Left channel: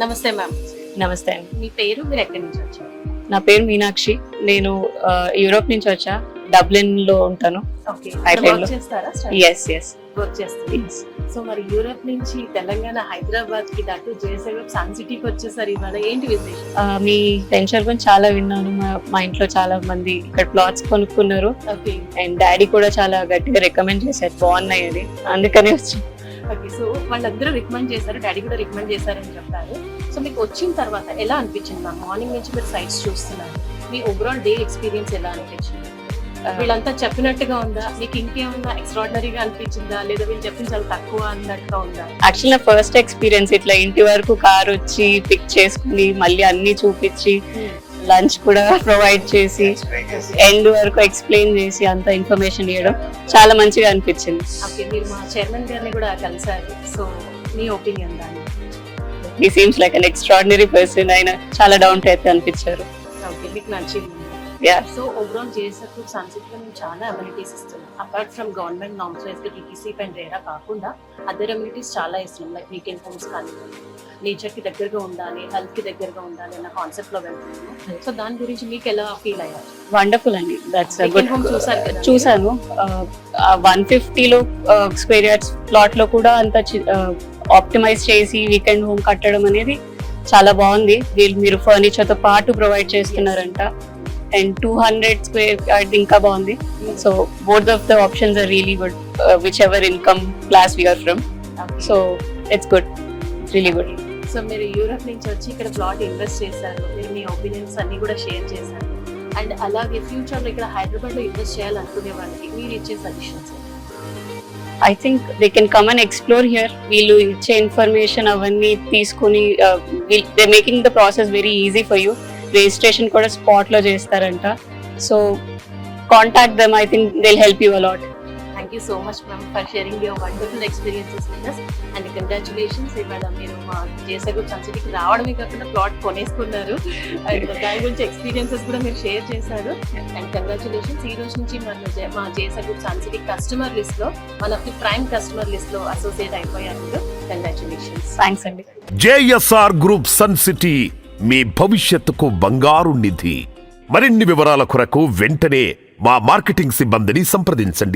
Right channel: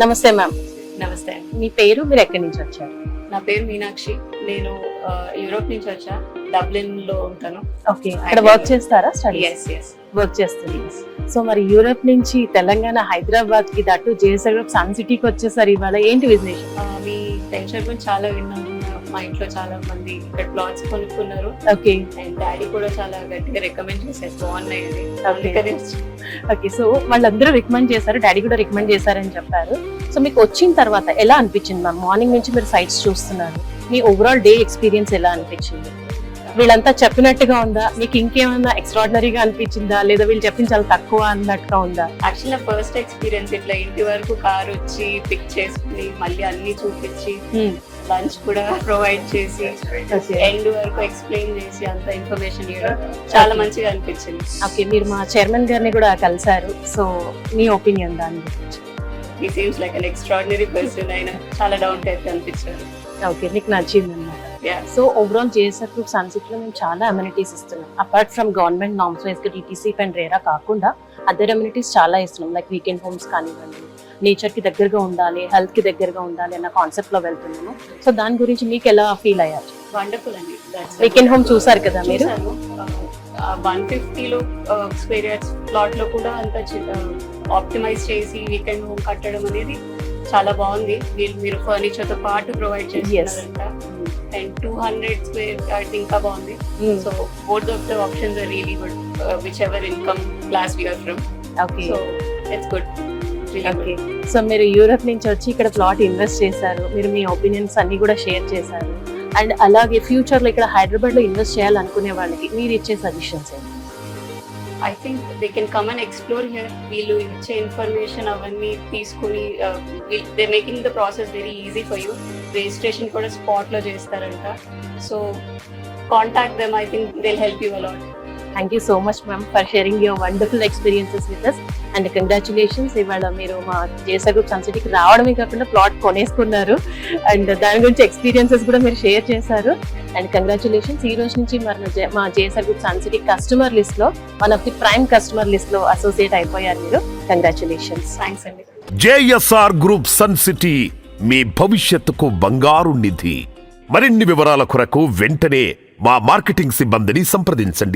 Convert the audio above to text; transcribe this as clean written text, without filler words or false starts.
నమస్తే మ్యామ్. నమస్తే అండి. మీ పేరు, మీరు ఎక్కడి నుంచి వచ్చారు? నా పేరు మీనాక్షి. నేను యూరోప్ నుంచి వచ్చా. డబ్లిన్ లో ఉంటాను. ఓకే, ఇక్కడ వర్క్ చేస్తారా? ఎస్ వర్క్ చేస్తుంది. సో మరి యూరోప్ నుంచి తెలంగాణ హైదరాబాద్ కి దట్టు జేసగఢ్ సన్ సిటీకి వచ్చేసారు. ఇవాళ ఏంటి విశేషం? మీ వెంచర్ గురించి చాలా విన్నాను. మా ఇంట్లో చాలా మంది ఇక్కడ ప్లాట్స్ కొనుక్కున్నారు. ఓకే అండ్ డాడీ కూడా చాలా గట్టిగా రికమెండ్ చేశారు, బాగున్నాయి అది, అందుకనే వచ్చి. ఓకే, సో వాళ్ళందరూ రికమెండ్ చేశారు, డాడీ కూడా రికమెండ్ చేశారని చెప్పారు. సో మీకు వచ్చిన తర్వాత ఎలా అనిపించింది మ్యామ్? మార్నింగ్ నుంచి మీరు సైట్స్ చూస్తున్నారు, మీ ఓవరాల్ డే ఎక్స్పీరియన్స్ ఎలా అనిపించింది? వీళ్ళంతా చెప్పినట్టుగా ఉందా, మీకు ఇంకేమైనా ఎక్స్ట్రాడినరీగా అనిపించిందా, లేదా వీళ్ళు చెప్పింది చాలా తక్కువ అన్నట్టుగా ఉందా? యాక్చువల్ నా ఫస్ట్ ఎక్స్పీరియన్స్ ఇట్లా ఇంటి వరకు కార్ వచ్చి పిక్ చేసుకుని మళ్ళీ అన్ని చూపించి లంచ్ కూడా ప్రొవైడ్ చేసి ఎండ్ వరకు ఎక్స్ప్లెయిన్ చేసి అంత ఇన్ఫర్మేషన్ ఇవ్వడం చాలా మంచిగా అనిపించింది. ఓకే, మీరు మా చైర్మన్ గారిని కూడా కలిసారు, సో మీ ఒపీనియన్ దాన్ని? He seems like an extraordinary person. ఆయన చాలా డౌన్ టు ఎర్త్ అనిపించారు. ఓకే, మీకు నచ్చింది అన్నమాట. Yeah. So overall JSR group Sun సిటీలో మేము చాలా అమ్యూనిటీస్ ఇస్తున్నాం. Apart from government norms wise గా డిటిసి అండ్ రేరా కాకుండా అదర్ అమ్యూనిటీస్ చాలా ఇస్తున్నాం. లైక్ వీకెండ్ హోమ్స్ కానివ్వండి, నేచర్ కి దగ్గరగా ఉండాలి, హెల్త్ కి దగ్గరగా ఉండాలి అన్న కాన్సెప్ట్ లో వెళ్తున్నాము. సో దాని గురించి మీకు ఎలా ఫీల్ అయ్యారు? వండర్ఫుల్ అండి. వీకెండ్ హోమ్ చూసారు కదా? చూసాను. 150 స్క్వేర్ యార్డ్స్ ప్లాట్ లో కూడా అంత ఆప్టిమైజ్ చేసి వీకెండ్ హోమ్ కట్టడం అనేది చాలా బాగుంది. వీళ్ళు మీరు ఫర్నిచర్ తో పాటు ప్రొవైడ్ చేస్తున్నారంట. అండ్ 200 స్క్వేర్ యార్డ్ ఇంకా బాగుంది. So both of the options are really good, whichever income class we are from. So it's good, really good. So మీరు యూరోప్ నుంచి వచ్చి ఇక్కడ ప్లాట్ ఇన్వెస్ట్ చేశారు, మీరు మీ ఒపీనియన్స్ అన్ని కూడా షేర్ చేశారు. అండ్ అలాగే ఫ్యూచర్ లో ఇక్కడ హైదరాబాద్ లో ఇన్వెస్ట్ చేయాలనుకునే వాళ్ళకి మీరు ఇచ్చే సజెషన్స్ ఏంటి? I think they can come and explore here. వీళ్ళు ఇచ్చే ఇన్ఫర్మేషన్ అవన్నీ తీసుకుని they making the process very easy for you. Registration కూడా స్పాట్ లో చేస్తారంట. So contact them. I think they will help you a lot. Thank you so much ma'am for sharing your wonderful experiences with us. And congratulations, ఇవాళ మీరు మా JSR group sun సిటీకి రావడమే కాకుండా plot కొనేసుకున్నారు. And దాని గురించి ఎక్స్పీరియన్సెస్ కూడా మీరు షేర్ చేశారు. And congratulations. ఈ రోజు నుంచి మా JSR group Sun City customer list లో, one of the prime customer list లో అసోసియేట్ అయిపోయారు మీరు. కంగ్రాచులేషన్స్. థ్యాంక్స్ అండి. జేఎస్ఆర్ గ్రూప్ సన్ సిటీ మీ భవిష్యత్తుకు బంగారు నిధి. మరిన్ని వివరాల కొరకు వెంటనే మా మార్కెటింగ్ సిబ్బందిని సంప్రదించండి.